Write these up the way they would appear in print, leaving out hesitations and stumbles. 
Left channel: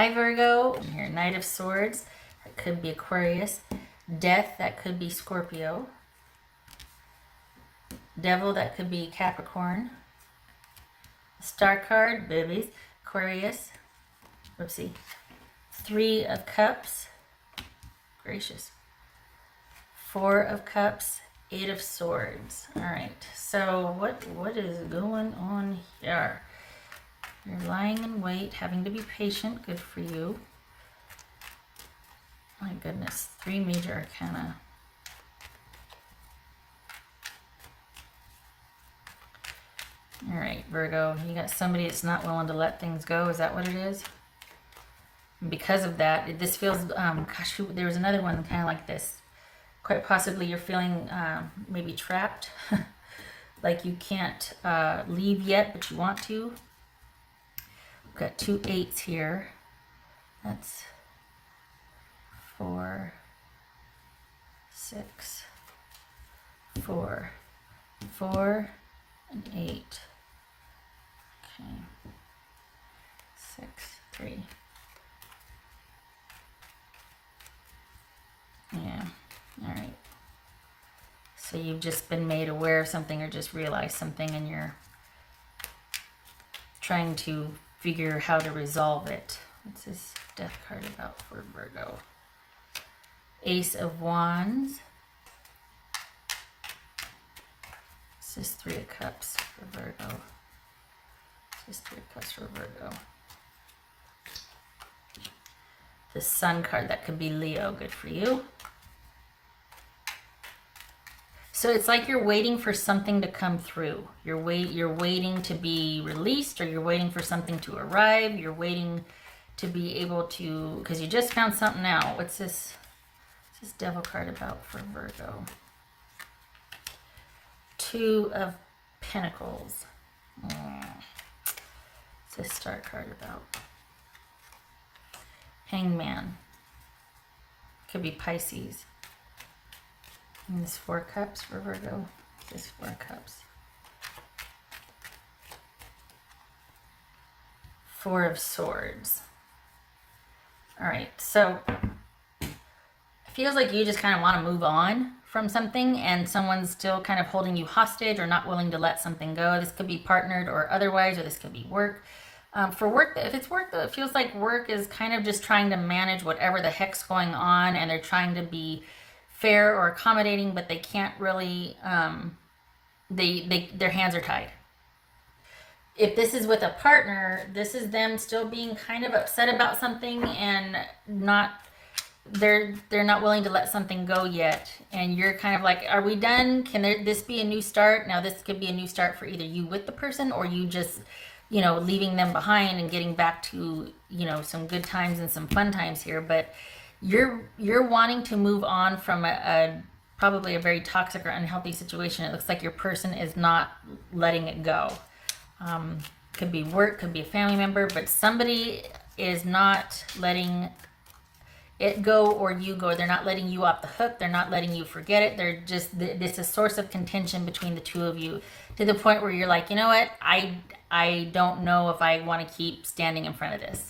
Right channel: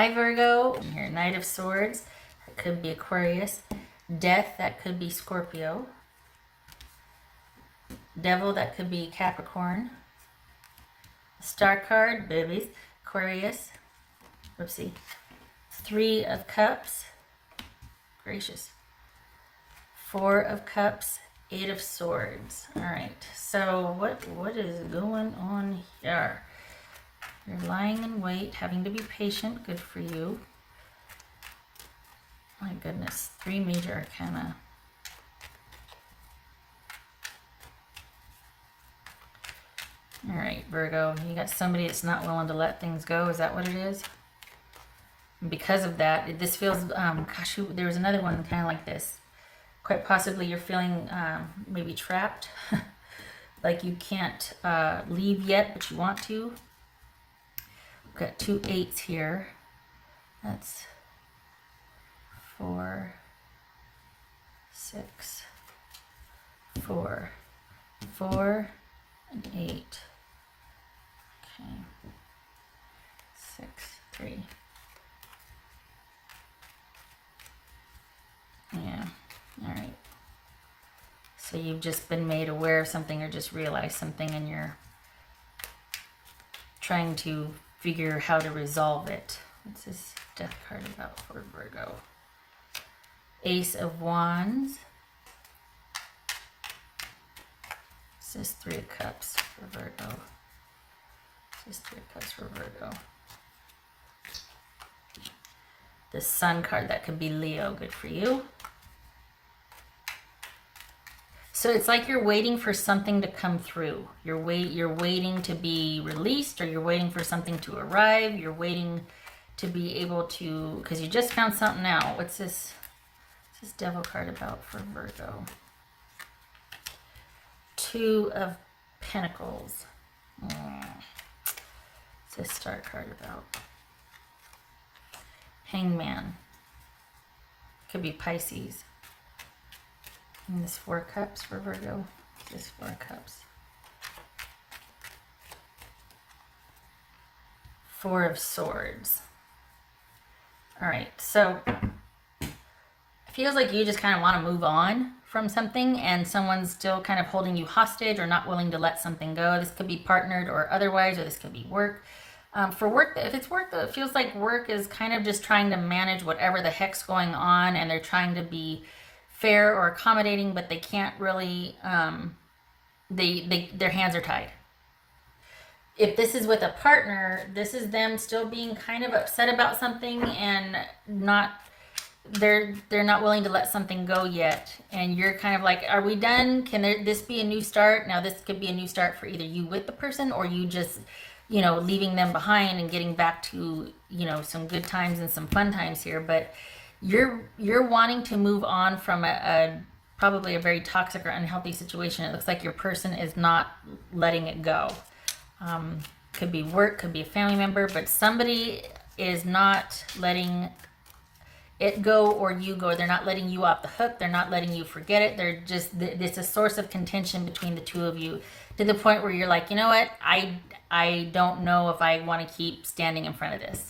Hi Virgo, your Knight of Swords, that could be Aquarius. Death, that could be Scorpio. Devil, that could be Capricorn. Star card, babies, Aquarius. Oopsie. Three of Cups. Gracious. Four of Cups, Eight of Swords. All right, so what is going on here? You're lying in wait, having to be patient. Good for you. My goodness, three major arcana. All right, Virgo, you got somebody that's not willing to let things go. Is that what it is? Because of that, this feels, gosh, there was another one kind of like this. Quite possibly you're feeling maybe trapped, like you can't leave yet, but you want to. We've got 2 8s here. That's 4, 6, 4, 4, and 8. Okay. 6, 3. Yeah. All right. So you've just been made aware of something or just realized something and you're trying to figure how to resolve it. What's this death card about for Virgo? Ace of Wands. This is 3 of Cups for Virgo. This is 3 of Cups for Virgo. The Sun card, that could be Leo. Good for you. So it's like you're waiting for something to come through. You're waiting to be released, or you're waiting for something to arrive. You're waiting to be able to, because you just found something out. What's this? What's this Devil card about for Virgo? 2 of Pentacles. What's this Star card about? Hangman. Could be Pisces. And this 4 Cups for Virgo. This 4 Cups. 4 of Swords. All right, so it feels like you just kind of want to move on from something and someone's still kind of holding you hostage or not willing to let something go. This could be partnered or otherwise, or this could be work. For work, if it's work, it feels like work is kind of just trying to manage whatever the heck's going on, and they're trying to be fair or accommodating, but they can't really, their hands are tied. If this is with a partner, this is them still being kind of upset about something and they're not willing to let something go yet. And you're kind of like, are we done? Can this be a new start? Now this could be a new start for either you with the person or you just, leaving them behind and getting back to, some good times and some fun times here. But you're wanting to move on from probably a very toxic or unhealthy situation. It looks like your person is not letting it go. Could be work, could be a family member, but somebody is not letting it go or you go. They're not letting you off the hook. They're not letting you forget it. They're just, it's a source of contention between the two of you to the point where you're like, you know what? I don't know if I want to keep standing in front of this.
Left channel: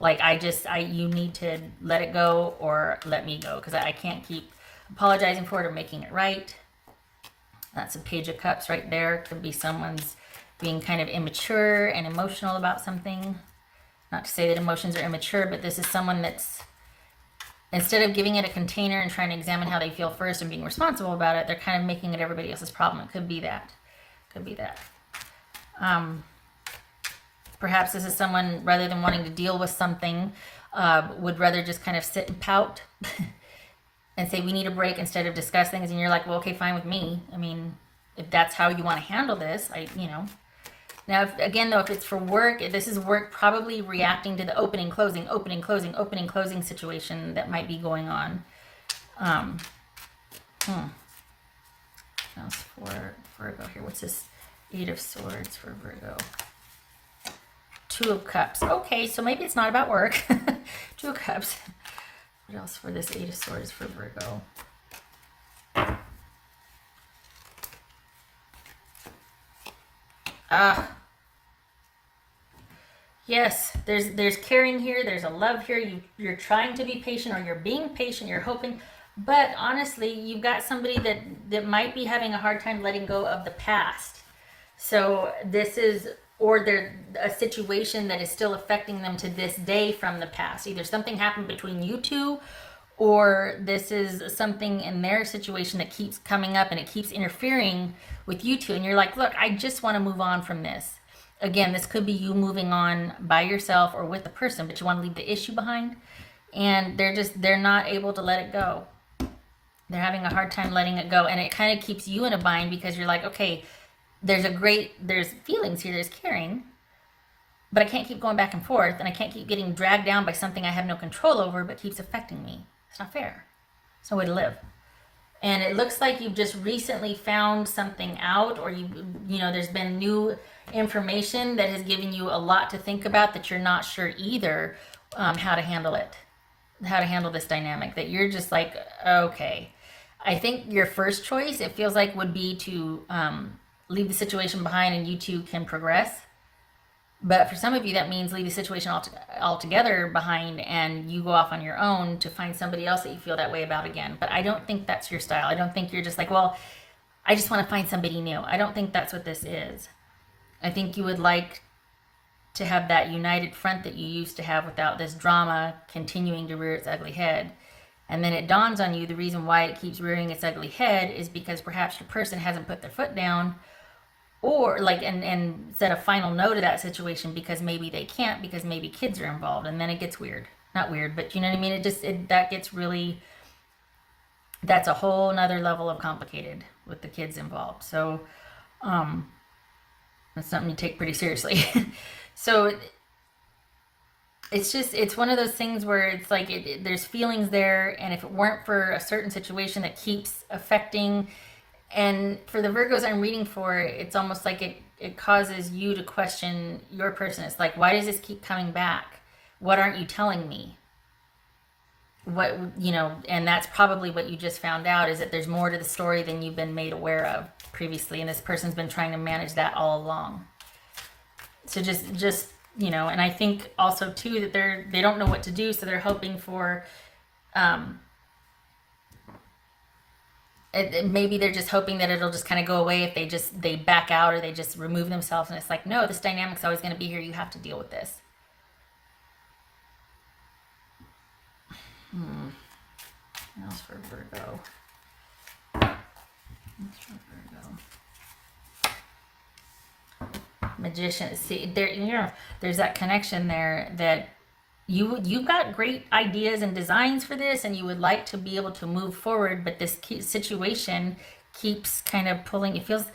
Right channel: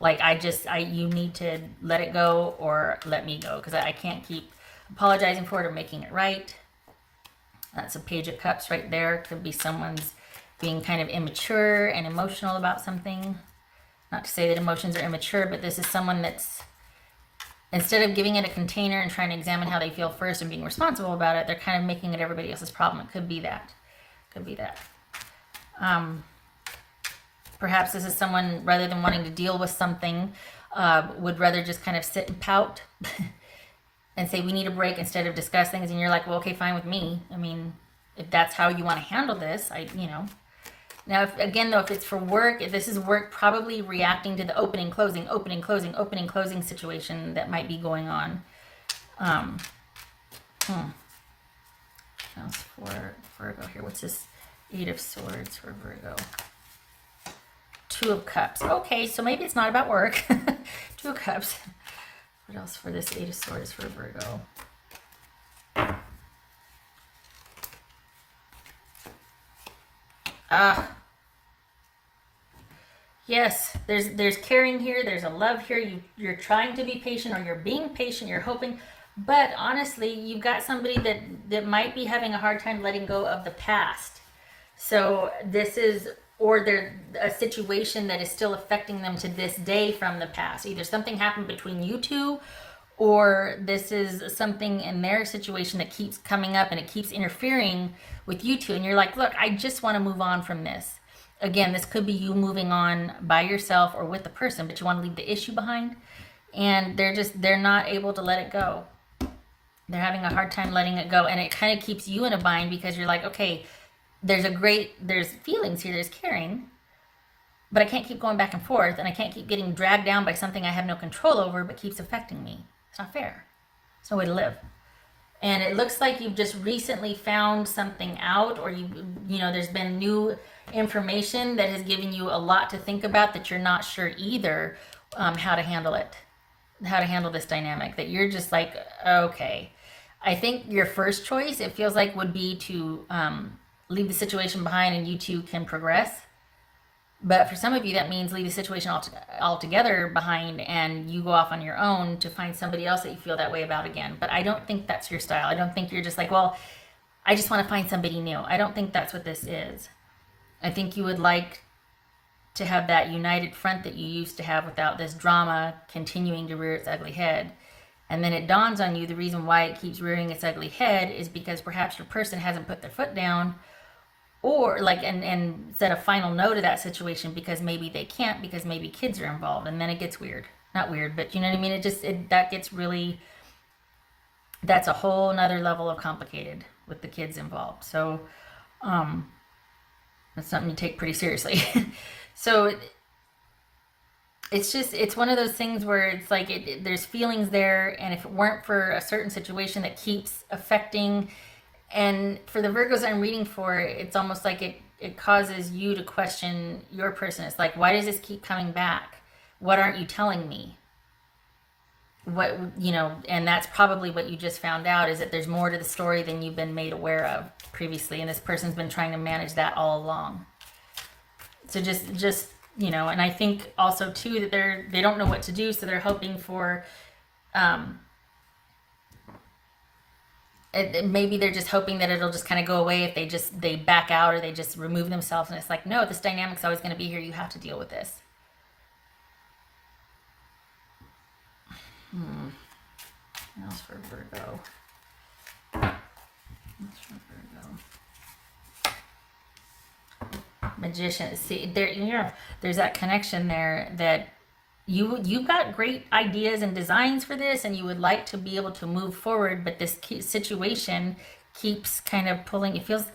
Like, you need to let it go or let me go, because I can't keep apologizing for it or making it right. That's a Page of Cups right there. Could be someone's being kind of immature and emotional about something. Not to say that emotions are immature, but this is someone that's, instead of giving it a container and trying to examine how they feel first and being responsible about it, they're kind of making it everybody else's problem. It could be that. Could be that. Perhaps this is someone, rather than wanting to deal with something, would rather just kind of sit and pout and say, we need a break, instead of discuss things. And you're like, well, okay, fine with me. I mean, if that's how you want to handle this, Now, if it's for work, if this is work, probably reacting to the opening, closing situation that might be going on. Else for Virgo here. What's this? 8 of Swords for Virgo. 2 of Cups. Okay, so maybe it's not about work. 2 of Cups. What else for this 8 of Swords for Virgo? Yes, there's caring here, there's a love here. You're trying to be patient, or you're being patient, you're hoping. But honestly, you've got somebody that might be having a hard time letting go of the past. So this is, or they're a situation that is still affecting them to this day from the past. Either something happened between you two, or this is something in their situation that keeps coming up and it keeps interfering with you two. And you're like, look, I just want to move on from this. Again, this could be you moving on by yourself or with the person, but you want to leave the issue behind. And they're not able to let it go. They're having a hard time letting it go. And it kind of keeps you in a bind, because you're like, okay, there's feelings here, there's caring, but I can't keep going back and forth, and I can't keep getting dragged down by something I have no control over, but keeps affecting me. It's not fair. It's no way to live. And it looks like you've just recently found something out, or there's been new information that has given you a lot to think about, that you're not sure either how to handle it, how to handle this dynamic, that you're just like, okay. I think your first choice, it feels like, would be to leave the situation behind and you two can progress. But for some of you, that means leave the situation altogether behind and you go off on your own to find somebody else that you feel that way about again. But I don't think that's your style. I don't think you're just like, well, I just want to find somebody new. I don't think that's what this is. I think you would like to have that united front that you used to have without this drama continuing to rear its ugly head. And then it dawns on you, the reason why it keeps rearing its ugly head is because perhaps your person hasn't put their foot down, or and said a final no to that situation, because maybe they can't, because maybe kids are involved, and then it gets weird. Not weird, but you know what I mean? That gets really, that's a whole nother level of complicated with the kids involved. So that's something to take pretty seriously. So it's one of those things where it's like there's feelings there, and if it weren't for a certain situation that keeps affecting, and for the Virgos I'm reading for, it's almost like it causes you to question your person. It's like, why does this keep coming back? What aren't you telling me? What, and that's probably what you just found out, is that there's more to the story than you've been made aware of previously, and this person's been trying to manage that all along. So just and I think also too that they don't know what to do, so they're hoping for maybe they're just hoping that it'll just kind of go away if they back out, or they just remove themselves. And it's like, no, this dynamic's always going to be here. You have to deal with this. What else for Virgo? Magician. See, there's that connection there, that you've got great ideas and designs for this, and you would like to be able to move forward, but this situation keeps kind of pulling. It feels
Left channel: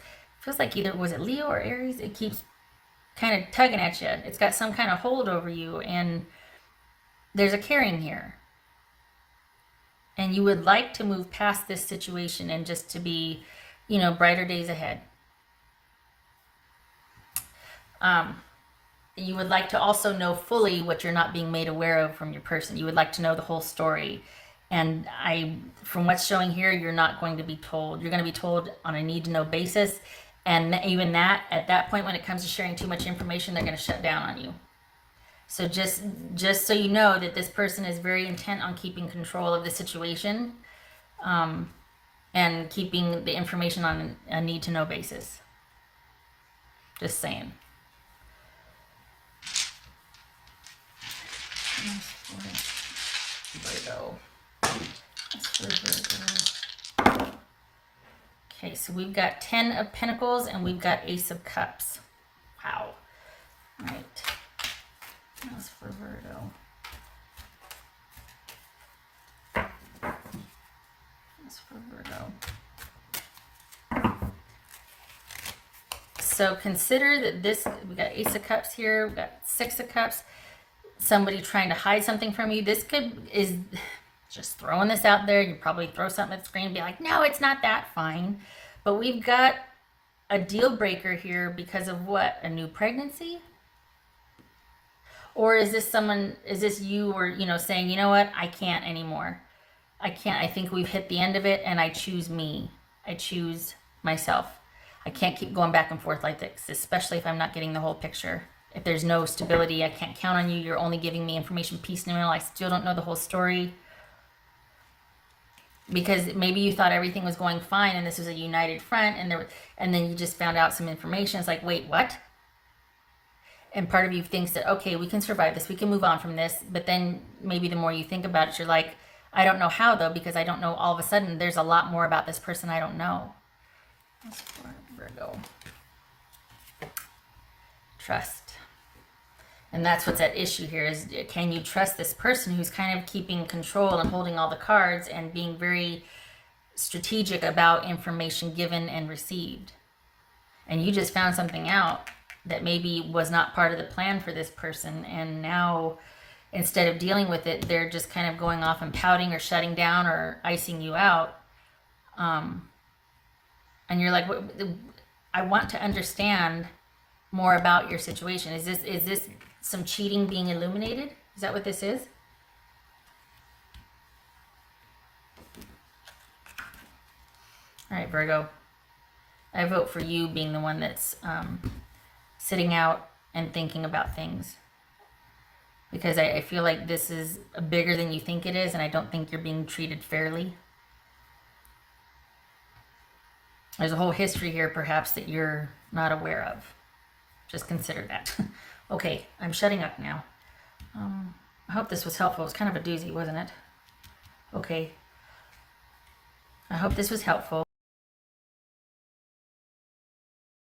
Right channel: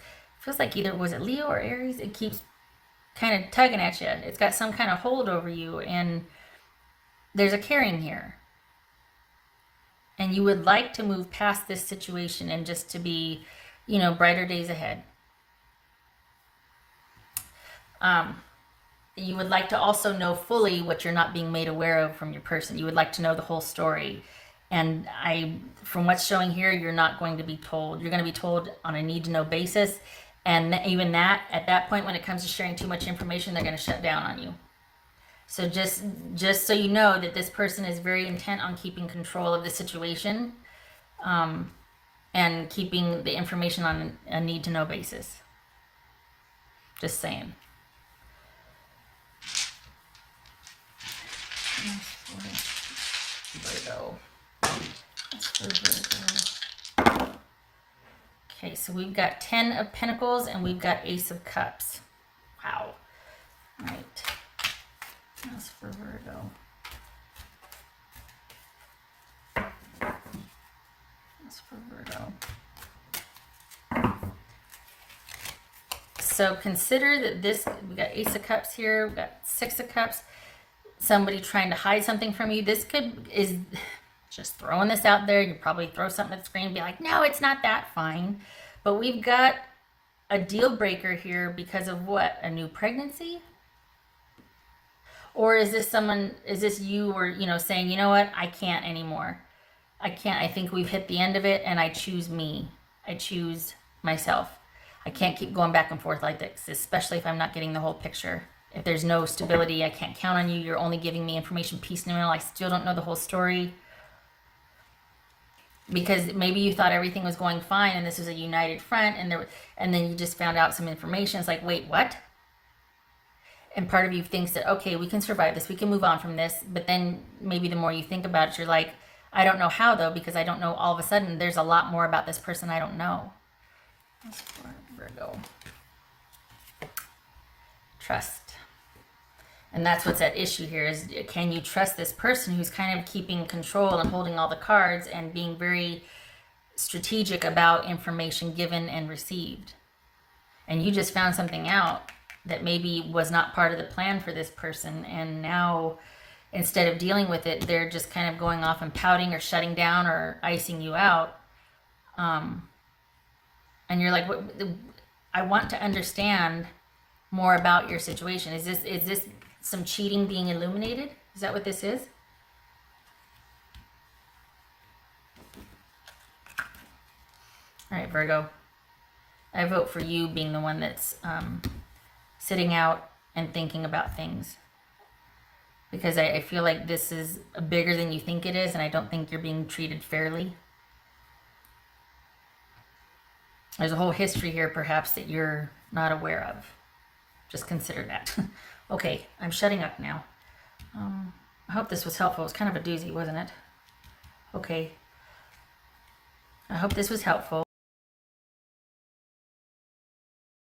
like either, was it Leo or Aries? It keeps kind of tugging at you. It's got some kind of hold over you, and there's a caring here. And you would like to move past this situation and just to be, brighter days ahead. You would like to also know fully what you're not being made aware of from your person. You would like to know the whole story. And from what's showing here, you're not going to be told. You're going to be told on a need-to-know basis. And even that, at that point, when it comes to sharing too much information, they're going to shut down on you. So just so you know that this person is very intent on keeping control of the situation, and keeping the information on a need-to-know basis. Just saying. Virgo. Okay, so we've got 10 of Pentacles and we've got Ace of Cups. Wow. All right. That's for Virgo. That's for Virgo. So consider that we've got Ace of Cups here, we've got Six of Cups. Somebody trying to hide something from you. This is just throwing this out there. You probably throw something at the screen and be like, no, it's not that fine. But we've got a deal breaker here because of what? A new pregnancy? Or is this you, or, saying, you know what? I can't anymore. I can't. I think we've hit the end of it, and I choose me. I choose myself. I can't keep going back and forth like this, especially if I'm not getting the whole picture. If there's no stability, I can't count on you. You're only giving me information piecemeal. I still don't know the whole story. Because maybe you thought everything was going fine and this was a united front, and then you just found out some information. It's like, wait, what? And part of you thinks that, okay, we can survive this, we can move on from this. But then maybe the more you think about it, you're like, I don't know how though, because I don't know, all of a sudden there's a lot more about this person I don't know. Virgo. Trust. And that's what's at issue here is, can you trust this person who's kind of keeping control and holding all the cards and being very strategic about information given and received? And you just found something out that maybe was not part of the plan for this person, and now instead of dealing with it, they're just kind of going off and pouting or shutting down or icing you out. And you're like, I want to understand more about your situation. Is this some cheating being illuminated? Is that what this is? All right, Virgo. I vote for you being the one that's sitting out and thinking about things. Because I feel like this is bigger than you think it is, and I don't think you're being treated fairly. There's a whole history here, perhaps, that you're not aware of. Just consider that. Okay, I'm shutting up now. I hope this was helpful. It was kind of a doozy, wasn't it? Okay. I hope this was helpful.